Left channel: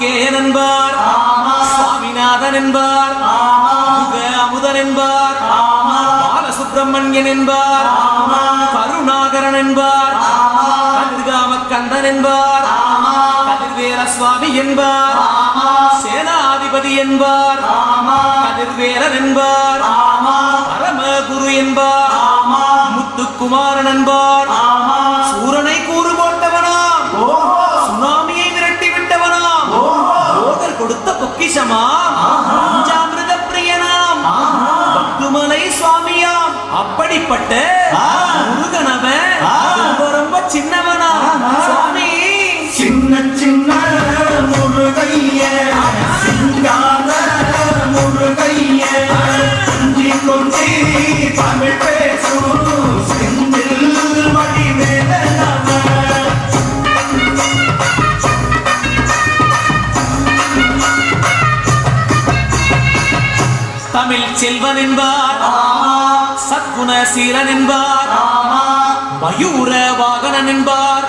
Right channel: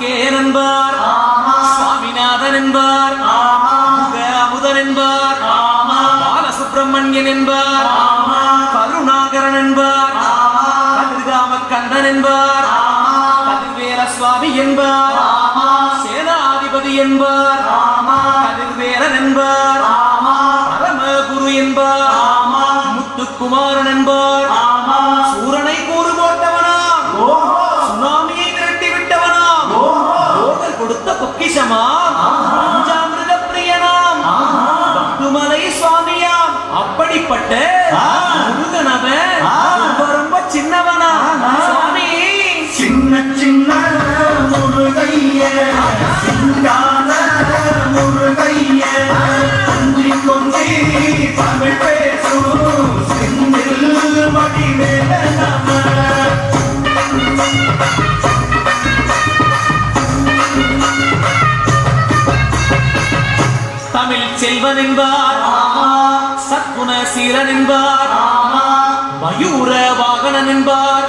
கார்த்திகேயன் என்பார், சுவாமிநாதன் என்பார், அமுதன் என்பார், பாலசுப்பிரமணியன் என்பார், கருணாகரன் என்பார், கதிர்காமக்கந்தன் என்பார், கதிர்வேல சுவாமி என்பார், சேனாதிபதி என்பார், கதிர்வேலன் என்பார், பரமகுரு என்பார், முத்துக்குமாரன் என்பார், சூரனை கூறு போட்டவனாம், சுனாமியை விரட்டி விட்டவனாம், போதர் கொடுத்த பொக்கிஷமாம், பஞ்சாமிர்த பிரியனாம், பத்துமலை சுவாமியாம். அப்படிப்பட்ட முருகனவன் ரொம்ப ரொம்ப சின்னவனா சுவாமி. சின்ன சின்ன முருகைய சிங்கார முருகைய கொஞ்சி கொஞ்சி தமிழ் பேசும் செந்தில் வடிவேலனான தமிழ் செல்வன் என்பார், சத்குண சீரன் என்பார், மயூர வாகனன் என்பார்,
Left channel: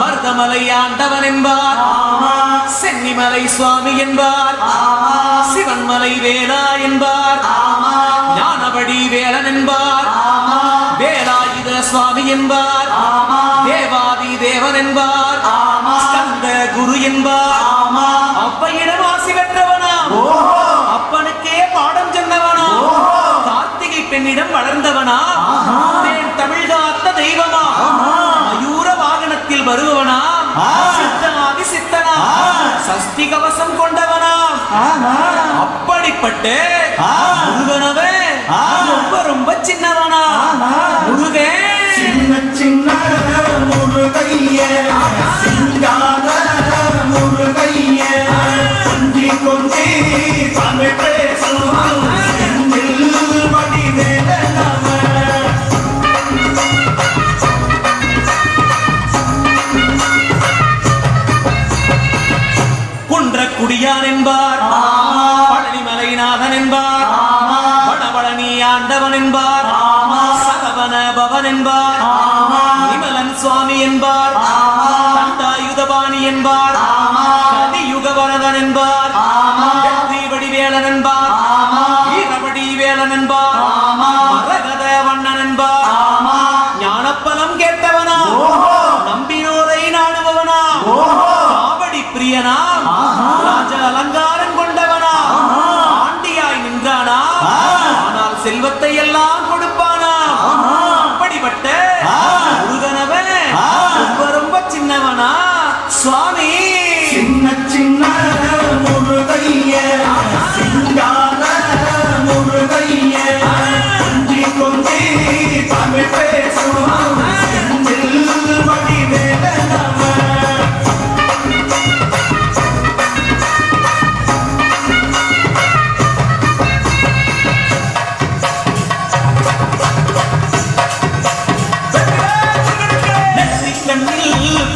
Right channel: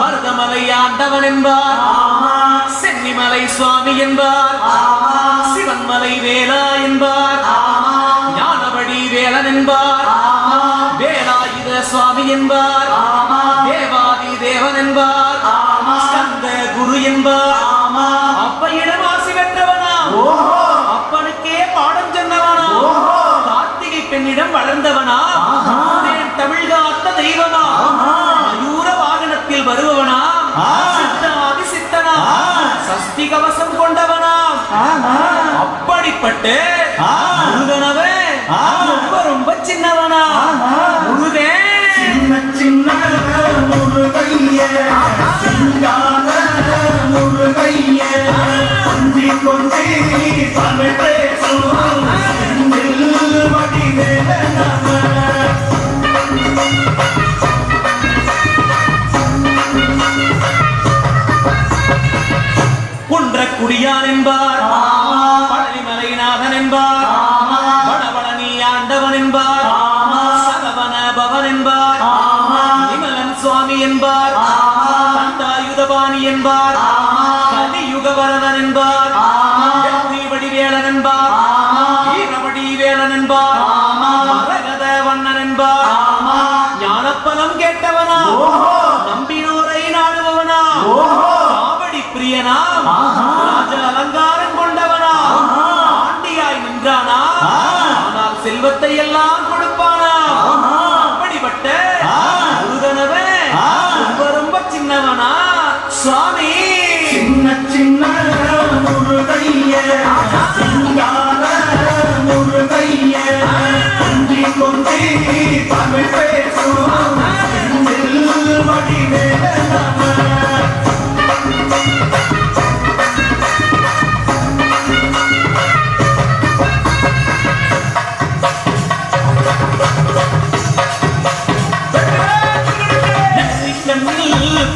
மருதமலை ஆண்டவன் என்பார், சென்னிமலை சுவாமி என்பார், சிவன்மலை வேலா என்பார், ஞானபடி வேலன் என்பார், வேலாயுத சுவாமி என்பார், தேவாதி தேவன் என்பார், ஸ்கந்த குரு என்பார், அப்பையிடம் ஆசி பெற்றவனா, அப்பனுக்கே பாடம் சொன்னவனா, கார்த்திகை பெண்ணிடம் வளர்ந்தவனா, தமிழ் காத்த தெய்வமா, மயூர வாகனத்தில் வருபவனா, சித்தனாதி சித்தனா, சஷ்டி கவசம் கொண்டவனா. அப்படிப்பட்ட முருகனவன் ரொம்ப ரொம்ப சின்னவனா. முருகன் சின்ன சின்ன முருகைய சிங்கார முருகைய கொஞ்சி கொஞ்சி தமிழ் பேசும் செந்தில் வடிவேலனான குடியான் என்பார், பழனிமலைநாதன் என்பார், வடபழனி ஆண்டவன் என்பார், சரவண பவன் என்பார், விமலன் சுவாமி என்பார், தண்டாயுதபாணி என்பார், கலியுக வரதன் என்பார், வெற்றி வடிவேலன் என்பார், வீரவடி வேலன் என்பார், மரகத வண்ணன் என்பார், ஞானப்பலம் கேட்டவனா, நம்பியோரை நாடுபவனா, காவடி பிரியனா, ராஜ அலங்காரம் கொண்டவனா, ஆண்டியாய் நின்றானா, ஆனால் செல்வத்தை எல்லாம் கொடுப்பானா. அப்படிப்பட்ட முருகனவன் ரொம்ப ரொம்ப சின்னவனா சுவாமி. சின்ன சின்ன முருகைய சிங்கார முருகைய கொஞ்சி கொஞ்சி தமிழ் பேசும் செந்தில் வடிவேலனான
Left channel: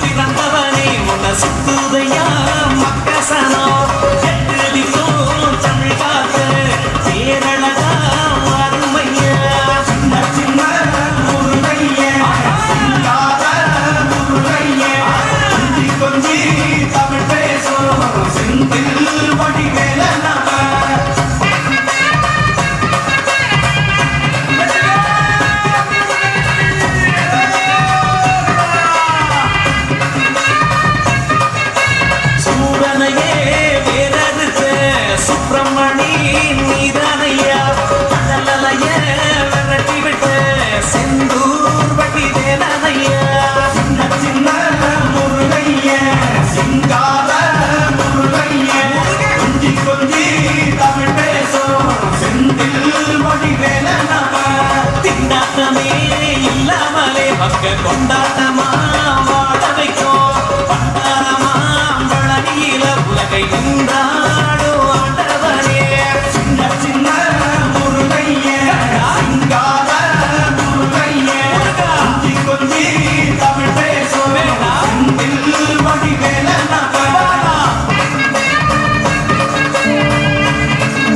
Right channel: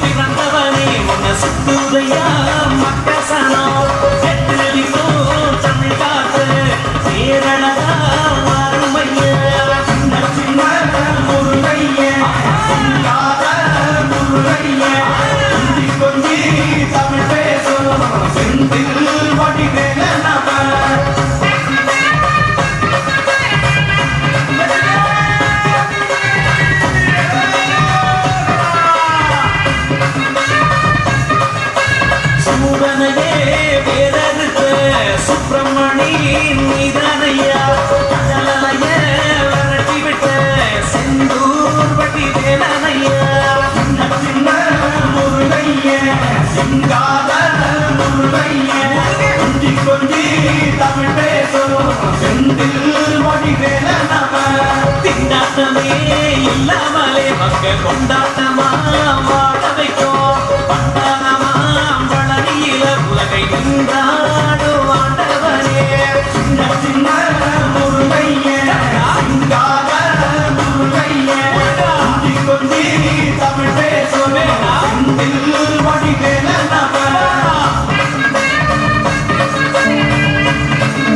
பிறந்தவனே உன்னை சுத்துதையா மக்கசனா, தமிழ் காத்த பேரழகா அருமையா. சின்ன சின்ன முருகைய சிங்கார முருகைய கொஞ்சி கொஞ்சி தமிழ் பேசும் செந்தில் வடிவேலனான சூரனையே வேலறுத்த சுப்பிரமணி நீதானையா, கடலைய விரட்டி விட்ட செந்தூர் வடிவேலனையா. சின்ன சின்ன முருகைய சிங்கார முருகைய கொஞ்சி கொஞ்சி தமிழ் பேசும் செந்தில் வடிவேலனான திண்டாட்டமே இல்லாமலே மக்க கொண்டாட்டமா